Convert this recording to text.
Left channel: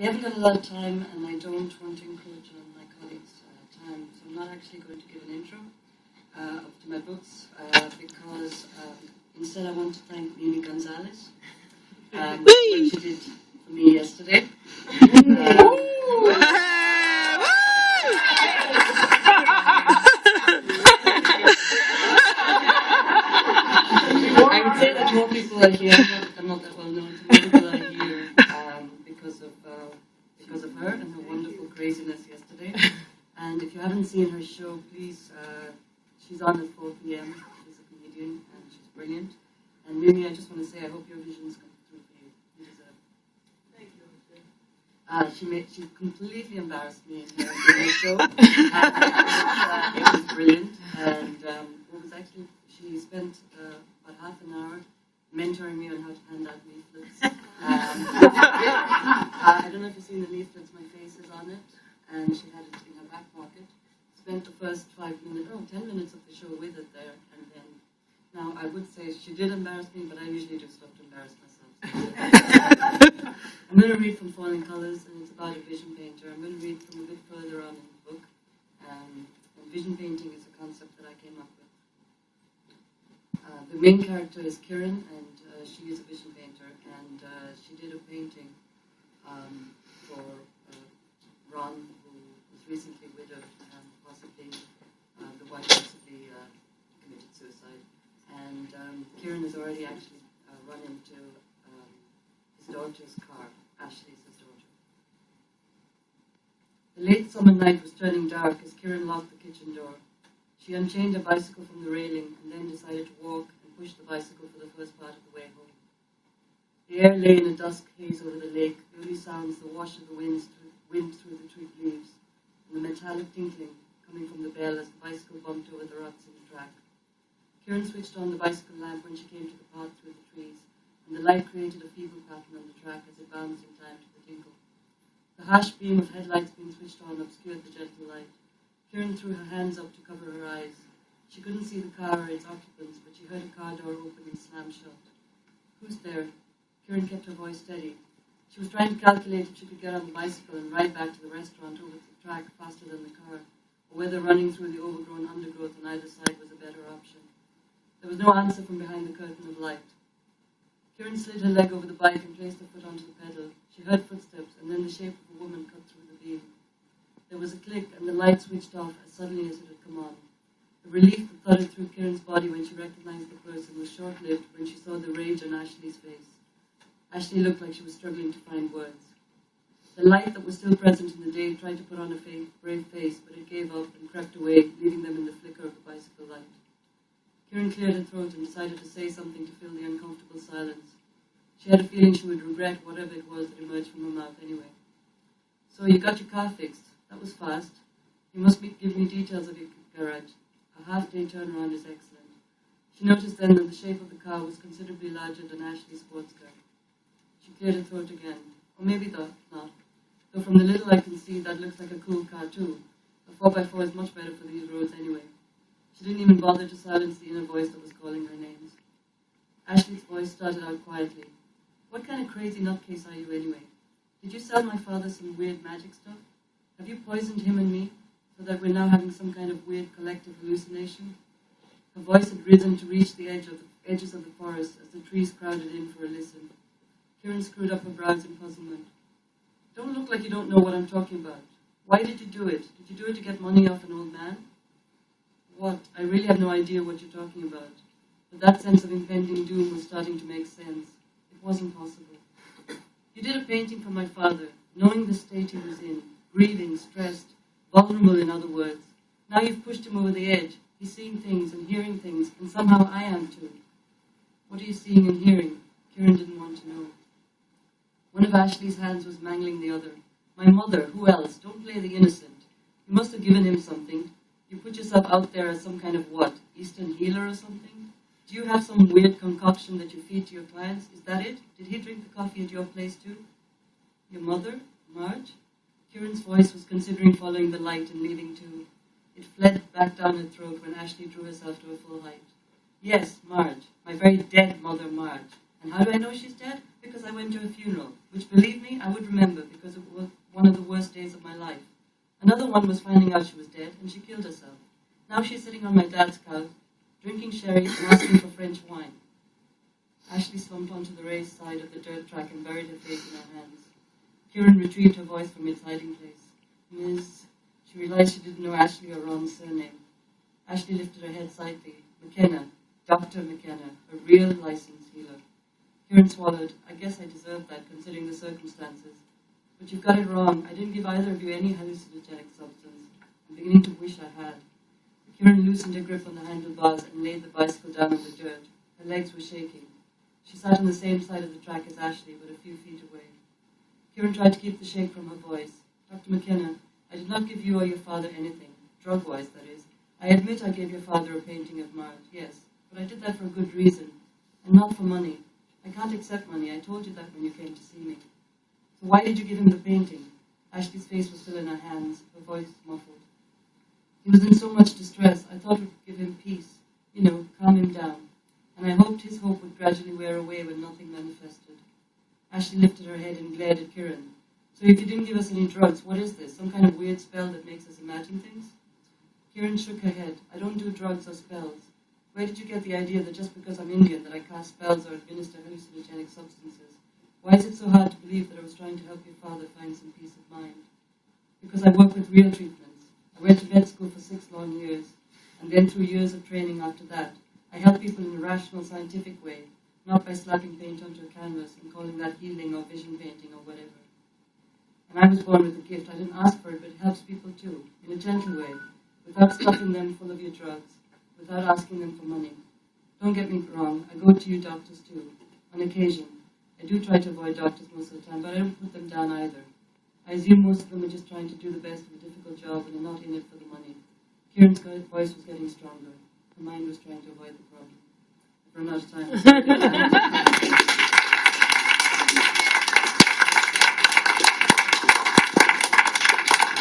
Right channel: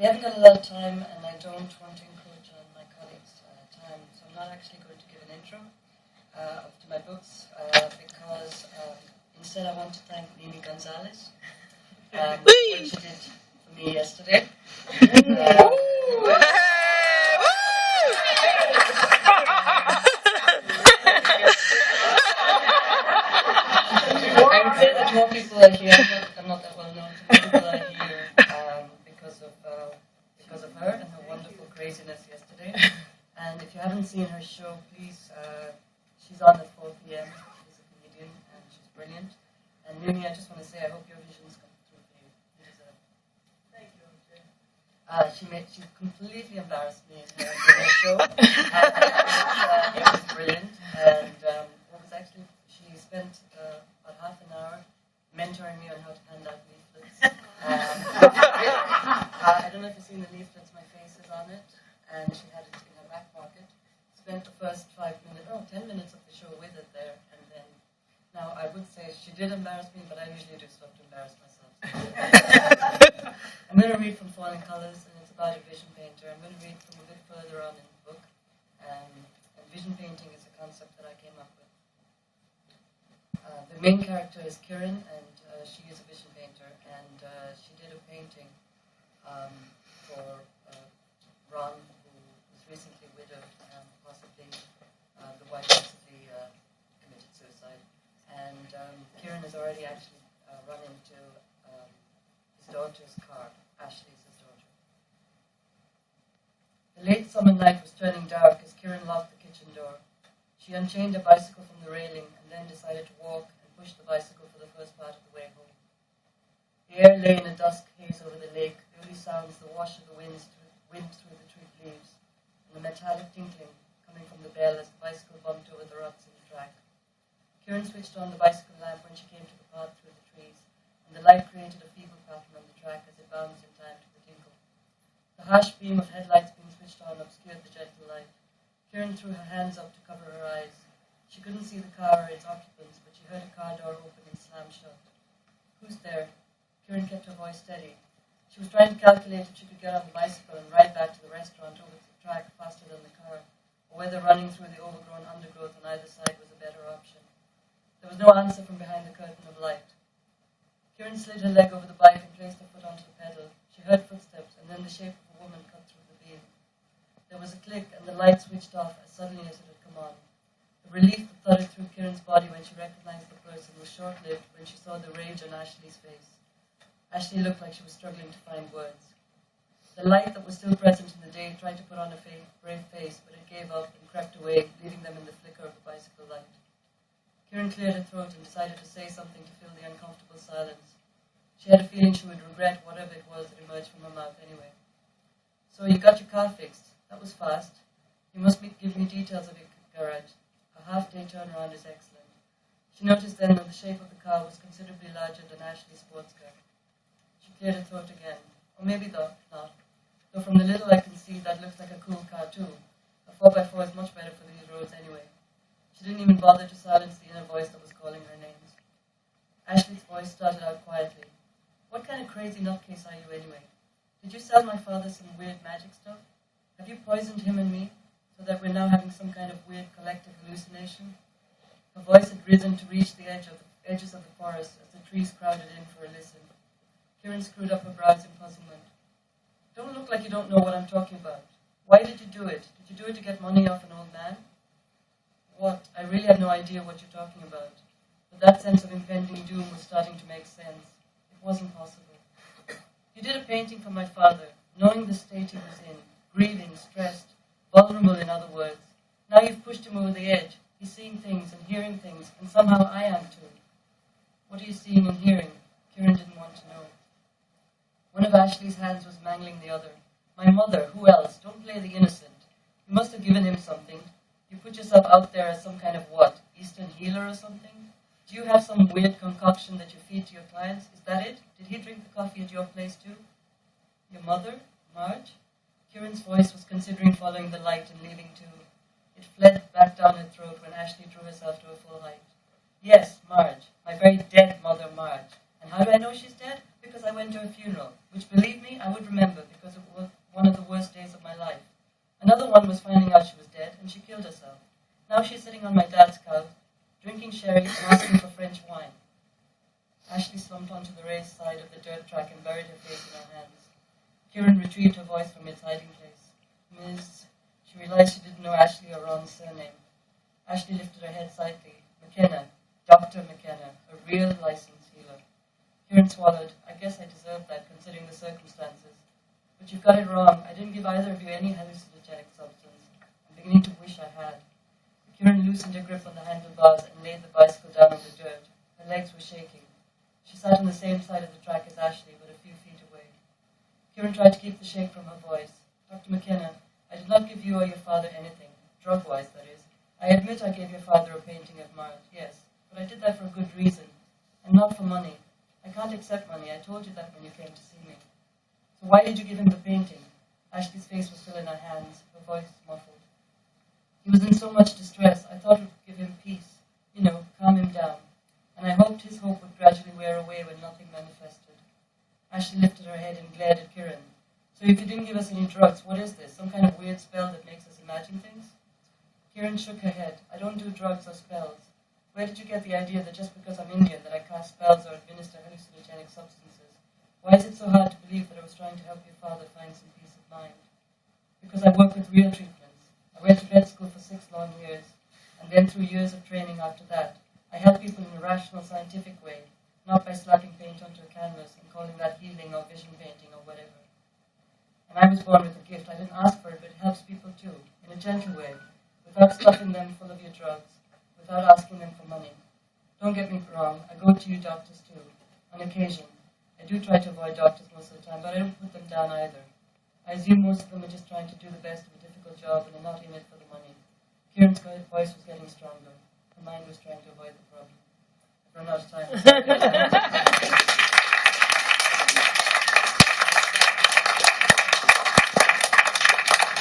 We haven't got a lot of time, and I don't want to encroach on my colleagues' time, so I'm not actually going to give an intro to my books, because instead I want to thank Mimi Gonzalez for what she did for me yesterday. I would say that more people are here. I'm not that well known, so more people are here because of her and her wonderful craziness yesterday. And if you haven't seen her show, please, she's on at 4 p.m. She's a comedian and she's brilliant. And Mimi, I just want to say, I hope your visions come through for you. You deserve it. Thank you, she completely embarrassed me in her show. And it was brilliant. And what was actually, she spent about half an hour mentoring me on how to hand out leaflets. I don't know if you've seen the leaflets, my face is on it. And she had it in her back pocket. Spent the first 10 minutes of the show with it there. And then, now I would say she did embarrass me, but I usually do stuff to embarrass myself. I'm going to read from Falling Colors, and it's about a vision painter. I'm going to read from a bit further on in the book. And vision painting is a concept that I came up with. The main character is Kiran, and she is a vision painter. And she did a painting for Ron, who was recently widowed, possibly the wife recently committed suicide. And Kieran has already actually run into his daughter's car. Ashley is his daughter. The late summer night was turning dark as Kieran locked the kitchen door. She unchained a bicycle from the railing and then decided to walk and push the bicycle for the first part of the way home. The air lay in a dusk haze over the lake, the only sounds the wash of the wind through the twig leaves, and the metallic tinkling coming from the bell as the bicycle bumped over the ruts in the track. Kieran switched on the bicycle lamp when she came to the path through the trees, and the light created a feeble pattern on the track as it bounced in time to the tinkle. The harsh beam of headlights being switched on obscured the gentle light. Kieran threw her hands up to cover her eyes. She couldn't see the car or its occupants, but she heard a car door open and slam shut. Who's there? Kieran kept her voice steady. She was trying to calculate if she could get on the bicycle and ride back to the restaurant over the track faster than the car, or whether running through the overgrown undergrowth on either side was a better option. There was no answer from behind the curtain of light. Kieran slid her leg over the bike and placed her foot onto the pedal. She heard footsteps, and then the shape of a woman cut through the beam. There was a click, and the light switched off as suddenly as it had come on. The relief that thudded through Kieran's body when she recognized the person was short-lived when she saw the rage on Ashley's face. Ashley looked like she was struggling to find words. The light that was still present in the day tried to put on a brave face, but it gave up and crept away, leaving them in the flicker of the bicycle light. Kieran cleared her throat and decided to say something to fill the uncomfortable silence. She had a feeling she would regret whatever it was that emerged from her mouth anyway. So you got your car fixed. That was fast. You must give me details of your garage. A half-day turnaround is excellent. She noticed then that the shape of the car was considerably larger than Ashley's sports car. She cleared her throat again. Or maybe not. Though from the little I can see, that looks like a cool car too. A 4x4 is much better for these roads anyway. She didn't even bother to silence the inner voice that was calling her names. Ashley's voice started out quietly. What kind of crazy nutcase are you anyway? Did you sell my father some weird magic stuff? Have you poisoned him and me, so that we're now having some kind of weird collective hallucination? Her voice had risen to reach the edges of the forest as the trees crowded in for a listen. Kieran screwed up her brows in puzzlement. Don't look like you don't know what I'm talking about. Why did you do it? Did you do it to get money off an old man? What? I really have no idea what you're talking about. But that sense of impending doom was starting to make sense. It wasn't possible. You did a painting for my father, knowing the state he was in, grieving, stressed, vulnerable in other words. Now you've pushed him over the edge. He's seeing things and hearing things, and somehow I am too. What are you seeing and hearing? Kieran didn't want to know. One of Ashley's hands was mangling the other. My mother, who else? Don't play the innocent. You must have given him something. You put yourself out there as some kind of what? Eastern healer or something? Do you have some weird concoction that you feed to your clients? Is that it? Did he drink the coffee at your place too? Your mother? Marge? Kieran's voice was considering following the light and leaving too. It fled back down her throat when Ashley drew herself to a full height. Yes, Marge. My very dead mother, Marge. And how do I know she's dead? Because I went to her funeral, which, believe me, I would remember, because it one of the worst days of my life. Another one was finding out she was dead, and she killed herself. Now she's sitting on my dad's couch, drinking sherry and asking for French wine. Ashley slumped onto the raised side of the dirt track and buried her face in her hands. Kieran retrieved her voice from its hiding place. Ms. She realized she didn't know Ashley or Ron's surname. Ashley lifted her head slightly. McKenna. Dr. McKenna. A real licensed healer. Kieran swallowed. I guess I deserved that, considering the circumstances. But you've got it wrong. I didn't give either of you any hallucinogenic substance. I'm beginning to wish I had. Kieran loosened her grip on the handlebars and laid the bicycle down in the dirt. Her legs were shaking. She sat on the same side of the track as Ashley, but a few feet away. Kieran tried to keep the shake from her voice. Dr. McKenna, I did not give you or your father anything, drug-wise, that is. I admit I gave your father a painting of Mart, yes, but I did that for a good reason, and not for money. I can't accept money. I told you that when you came to see me. So why did you give him the painting? Ashley's face was still in her hands, her voice muffled. He was in so much distress, I thought it would give him peace, calm him down, and I hoped his hope would gradually wear away when nothing manifested. Ashley lifted her head and glared at Kieran. So if you didn't give us any drugs, what is this? Some kind of weird spell that makes us imagine things? Kieran shook her head. I don't do drugs or spells. Where did you get the idea that just because I'm Indian that I cast spells or administer hallucinogenic substances? Why is it so hard to believe that I was trying to help your father find some peace of mind? Because I work with real treatments. I went to med school for 6 long years, and then through years of training after that, I help people in a rational, scientific way, not by slapping paint onto a canvas and calling that healing or vision painting or whatever. And I was born with a gift. I didn't ask for it, but it helps people too, in a gentle way, without stuffing them full of your drugs, without asking them for money. Don't get me wrong, I go to you doctors too, on occasion. I do try to avoid doctors most of the time, but I don't put them down either. I assume most of them are just trying to do the best of a difficult job and are not in it for the money. Kieran's voice was getting stronger. Her mind was trying to avoid the problem. I've run out of time.